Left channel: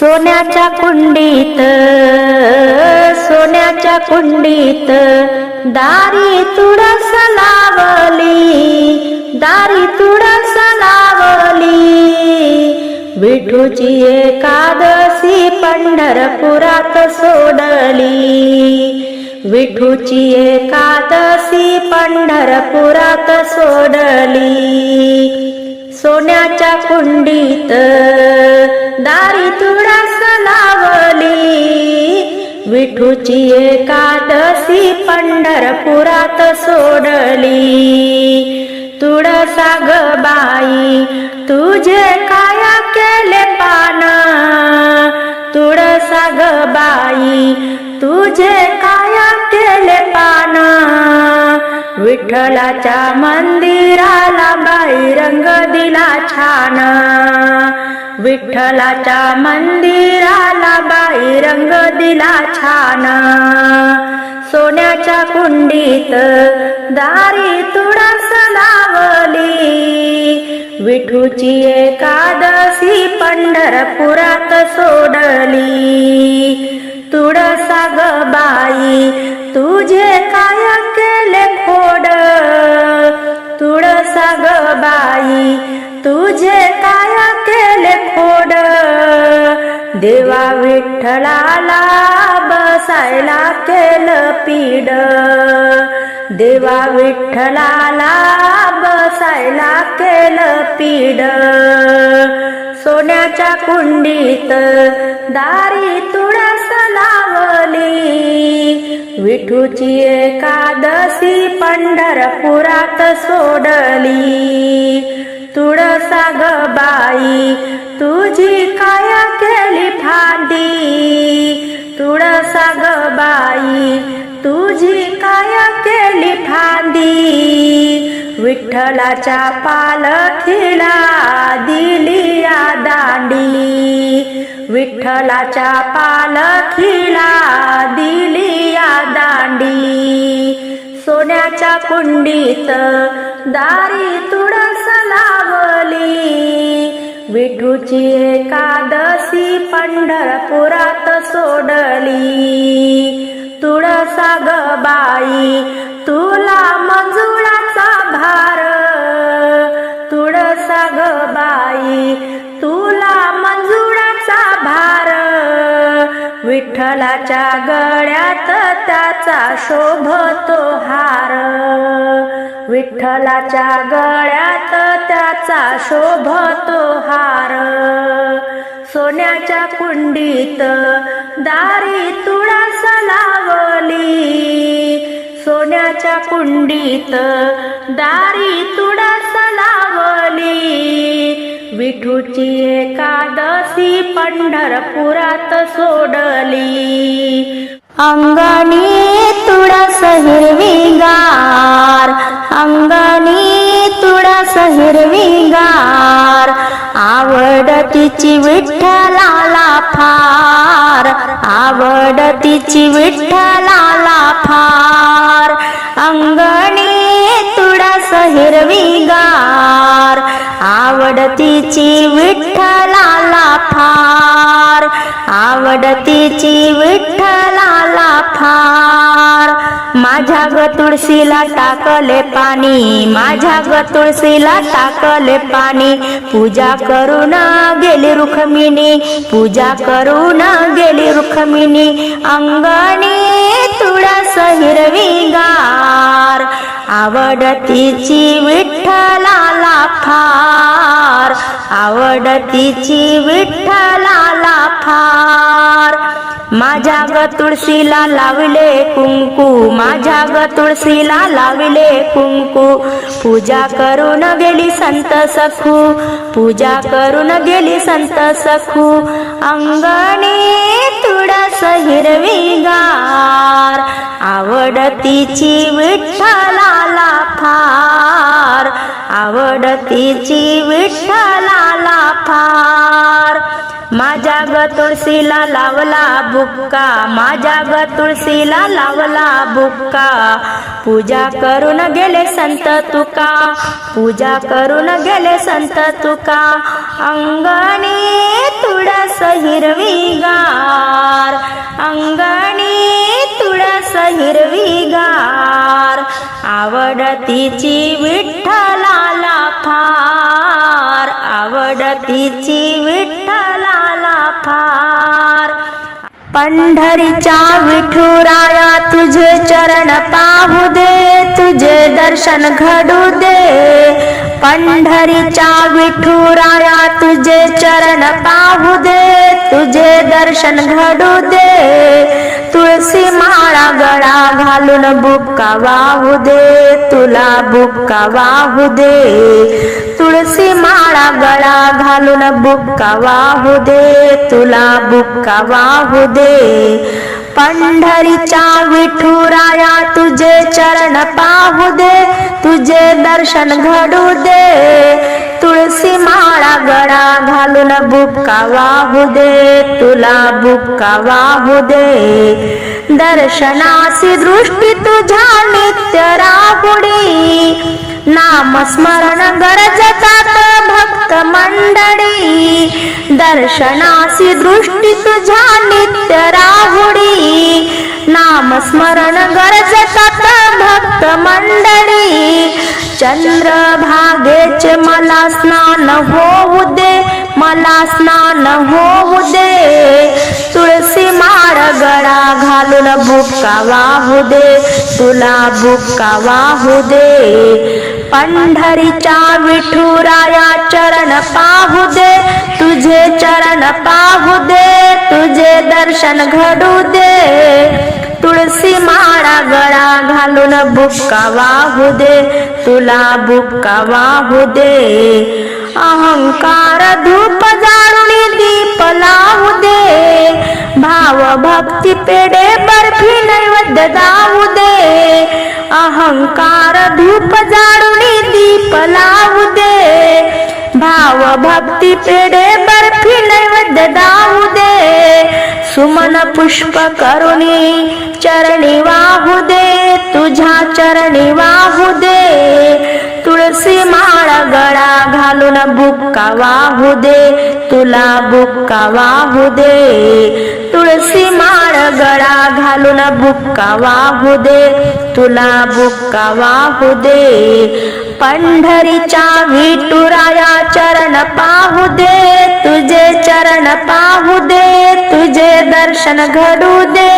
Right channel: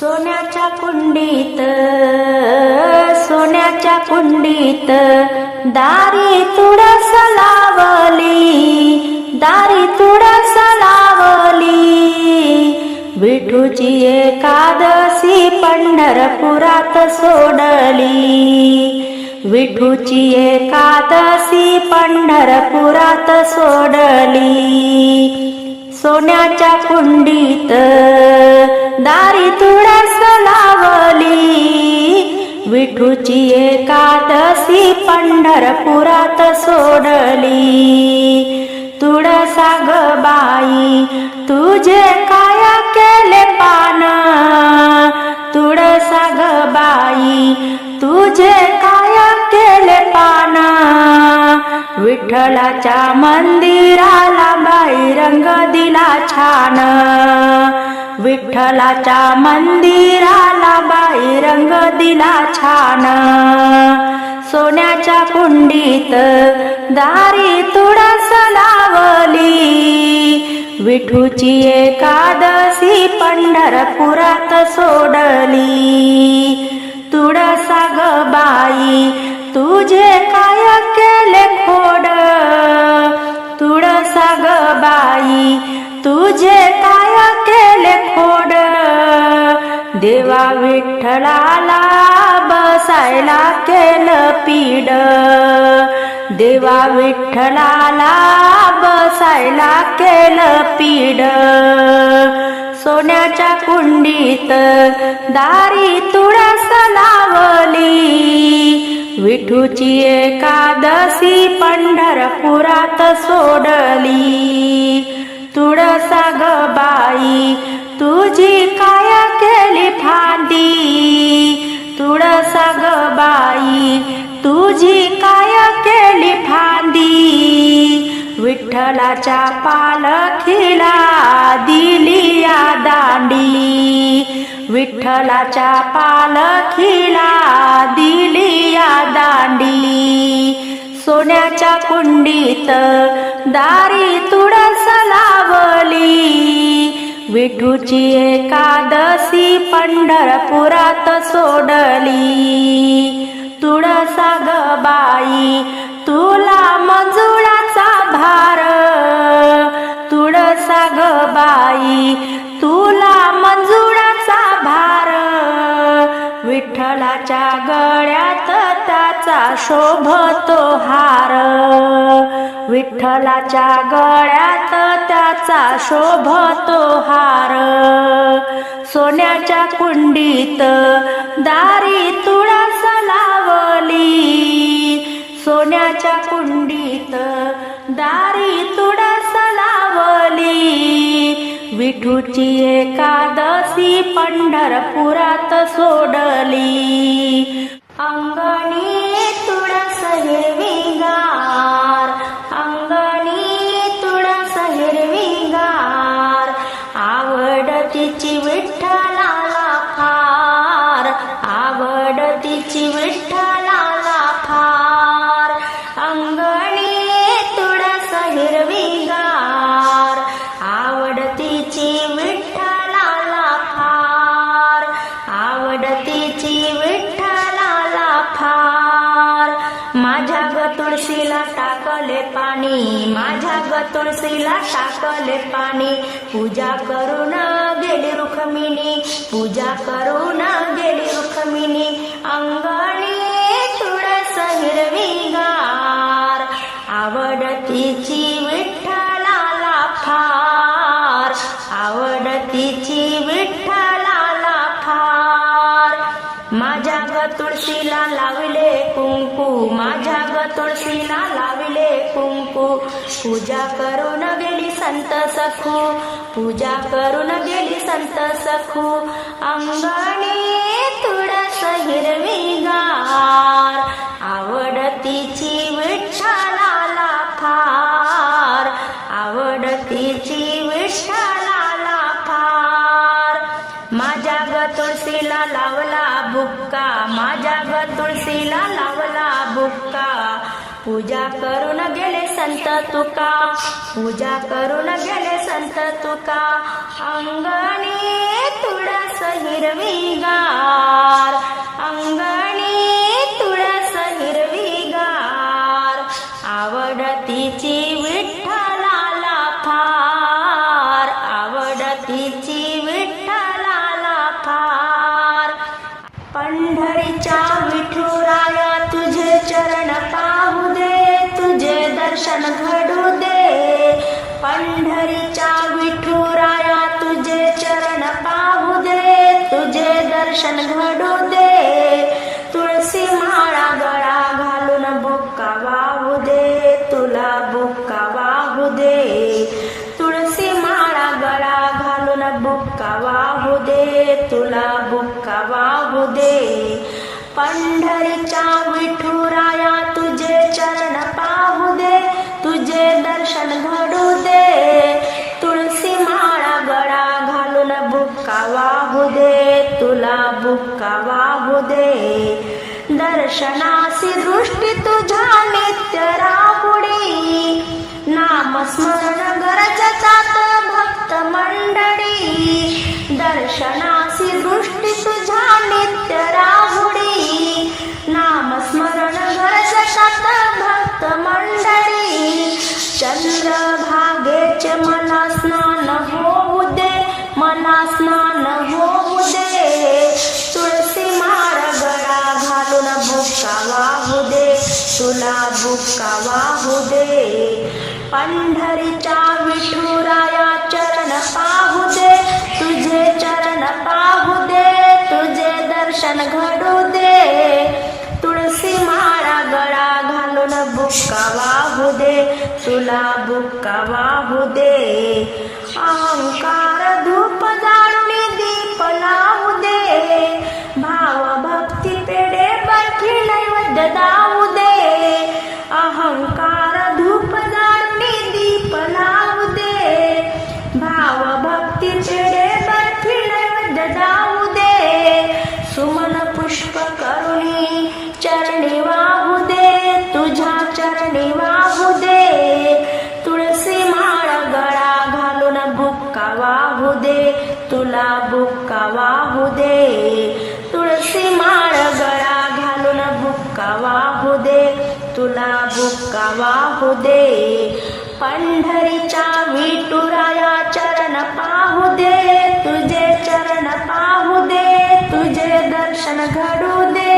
सोन्याच्या कुंडीत सोन्याच्या कुंडीत दारी तुळस लावली दारी तुळस लावली. विठूची एकादशी पंढरपुरात सोडली. विठूची एकादशी पंढरपुरात सोडली. सोन्याच्या कुंडीत दारी तुळस लावली. विठूची एकादशी पंढरपुरात सोडली. तुळसा ग बाई तुझे काया केले पान? तुळसा ग बाई तुझे काया केले पान? विठ्ठलाच्या मंदिराला बाई रंग दिला छान. विठ्ठलाच्या मंदिराला बाई रंग दिला छान. सोन्याच्या कुंडीत दारी तुळस लावली. विठूची एकादशी पंढरपुरात सोडली. तुळसा ग बाई तुझे काय केले खोड? तुळसा ग बाई देवा विठ्ठलाला बसायला केलं पीड. देवा विठ्ठलाला बसायला केलं पीड. सोन्याच्या कुंडीत दारी तुळस लावली. विठूची एकादशी पंढरपुरात सोडली. तुळसा गबाई तुझी काया केली फांदी? तुळसा ग बाई तुझी काया केली फांदी? विठ्ठलाच्या पालखीला दिली या दांडी. विठ्ठलाच्या पालखीला दिली या दांडी. सोन्याच्या कुंडीत दारी तू विठूची एकादशी पंढरपुरात सोडली. तुळसा ग बाई तुला मंजुळाचा भार. तुळसा ग बाई तुला मंजुळाचा भार. विठ्ठलाच्या गळ्यात त्याचा शोभतो हार. विठ्ठलाच्या गळ्यात त्याचा शोभतो हार. सोन्याच्या कुंडीत दारी तुळस लावली सोन्याच्या कुंडीत दारी तुळस लावली विठूची एकादशी पंढरपुरात सोडली. अंगणी तुळस हिरवीगार अंगणी तुळस हिरवीगार आवड तिची विठ्ठलाला फार आवड तिची विठ्ठलाला फार. अंगणी तुळस हिरवीगार आवड तिची विठ्ठलाला फार आवड टाकले पाणी. माझ्या ग तुळशीला टाकले पाणी. पूजा करून गेली रुखमिनी पूजा करून गेली रुखमिनी अंगणी तुळस हिरवीगार. आवड तिची विठ्ठलाला फार आवड तिची विठ्ठलाला फार माझ्या ग तुळशीला लावले कुंकू. माझ्या तुळशीला लावले कुंकू. पूजा करून गेली संत सखू. पूजा करून गेली संत सखू. अंगणी तुळस हिरवीगार. आवडतीची विठ्ठलाला फार. आवडतीची तिची तुळशीला लावला बुक्का. माझ्या ग तुळशीला लावला बुक्का. पूजा करून गेले संत तुका. पूजा करून गेले संत तुका. अंगणी तुळस हिरवीगार. अंगणी तुळस हिरवीगार. आवडतीची विठ्ठलाला फार. आवडतीची विठ्ठलाला फार. पंढरीच्या विठुराया तुझे चरण पाहू दे तुझे दर्शन घडू दे. पंढरीच्या विठुराया तुझे चरण पाहू दे तुझे दर्शन घडू दे. तुळशी माळा गळा घालून बुक्का वाहू दे तुला बुक्का वाहू दे. तु गळा घालून बुक्का वाहू दे तुला बुक्का वाहू दे. पंढरीच्या विठुराया तुझे चरण पाहू दे तुझे दर्शन घडू दे. तुळसी माळा गळा घालून बुक्का वाहू दे तुला बुक्का वाहू दे. दर्शनासी दृष्टी तुझ्या नित्य राहुडी. नामस्मरण गरजतात भक्त मंडळी. दर्शनासी दृष्टी तुझ्या नित्य राहुडी. नामस्मरण गरजतात भक्त मंडळी. चंद्रभागेचे मला स्नान होऊ दे मला स्नान होऊ दे. तुळशी माळ गळा घालून बुक्का वाहू दे तुला बुक्का वाहू दे. पंढरीच्या विठुराया चरण पाहू दे तुझे चरण पाहू दे तुझे दर्शन घडू दे. तुळशी माळा गळा घालून बुक्का वाहू दे तुला बुक्का वाहू दे. अहंकार धूप जाळून दीप लावू दे भाव भक्ती पेडे बर्फी नैवेद्य दावू दे. अहंकार धूप जाळून दीप लावू दे भाव भक्ती पेडे बर्फी नैवेद्य दावू सुमन पुष्प करुणी चरणी वाहू दे तुझ्या चरणी वाहू दे. तुळशी माळ गळा घालून बुक्का वाहू दे तुला बुक्का वाहू दे. तुळशी माळ गळा घालून बुक्का वाहू दे तुला बुक्का वाहू दे. पंढरीच्या विटुराया चरण पाहू दे तुझे चरण पाहू दे तुझे दर्शन घडू दे.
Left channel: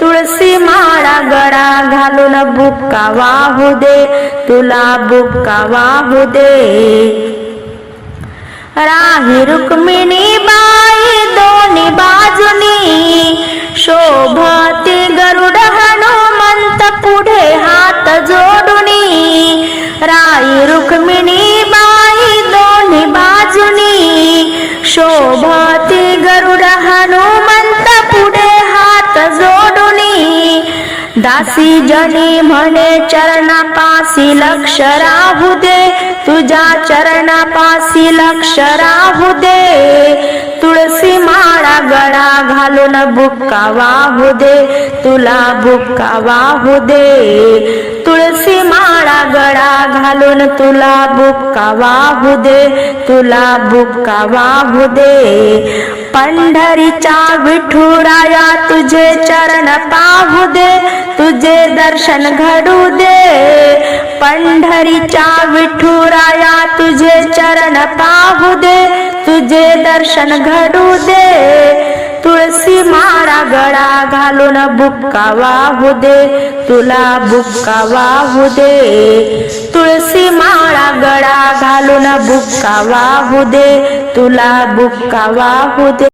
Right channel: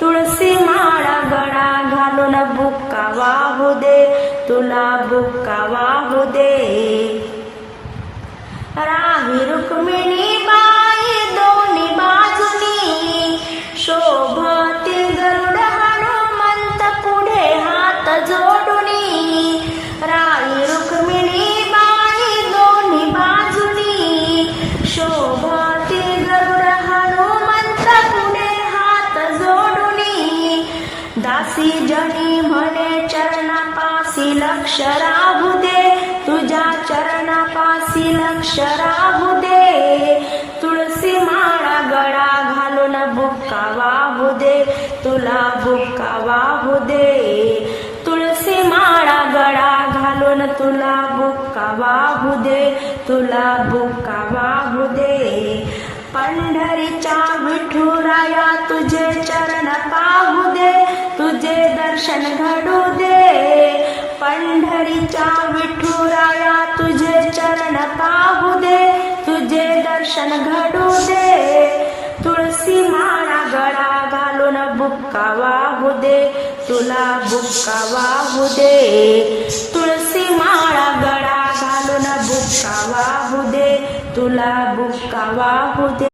तुळशी माळा गळा घालून बुक्का वाहू दे तुला बुक्का वाहू दे. राही रुक्मिणी बाई दोन्ही बाजूनी शोभाती गरुड जनी म्हणे चरणापासी लक्ष राहू दे. तुझ्या चरणापासी लक्ष राहू दे. तुळशी माळा गळा घालून बुक्का वाहू दे. तुला बुक्का वाहू दे. तुळशी काळा गळा घालून तुला बुक्का वाहू दे तुला बुक्का वाहू दे. पंढरीच्या विठुराया तुझे चरण पाहू दे तुझे दर्शन घडू दे. पंढरीच्या विठुराया तुझे चरण पाहू दे तुझे दर्शन घडू दे. तुळसी माळा गळा घालून बुक्का वाहू दे तुला बुक्का वाहू दे तुळसी माळा गळा घालून बुक्का वाहू दे तुला बुक्का वाहू दे